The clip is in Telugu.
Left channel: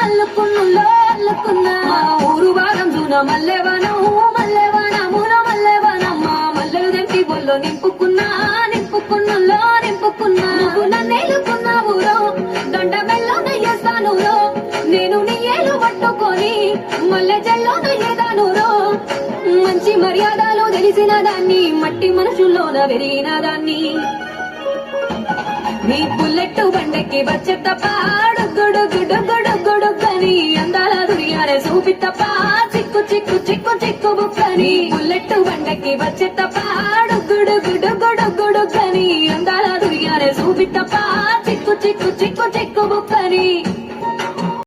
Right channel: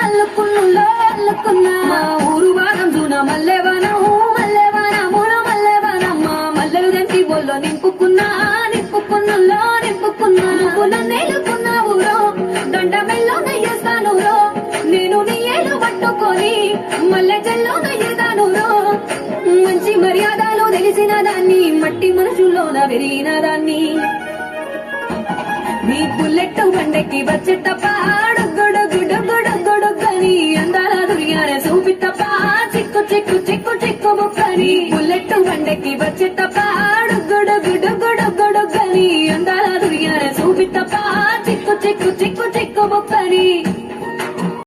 అల్లుకున్నులో అల్లుకున్నా ఊరు వారం దూన మల్లెవనం మల్లెవనమున మల్లెవనమ్మ మల్లెలు దంటి బొల్లో నింపుకున్నా నింపుకున్నులో నింపుకున్నా నువ్వు నన్నేలుకున్నావురో దొండ మెల్లో నయ్యేస్తానురో నేను నీ ఏలు పట్టుకొని మల్లె జల్లో నయ్యేదానురో మంచి మర్యాదలు తెలిసిన దాన్ని మట్టి మనుషుల్లోన పెరిగిన దాన్ని నీ బుల్లెట్ బండకి వచ్చేట పాడు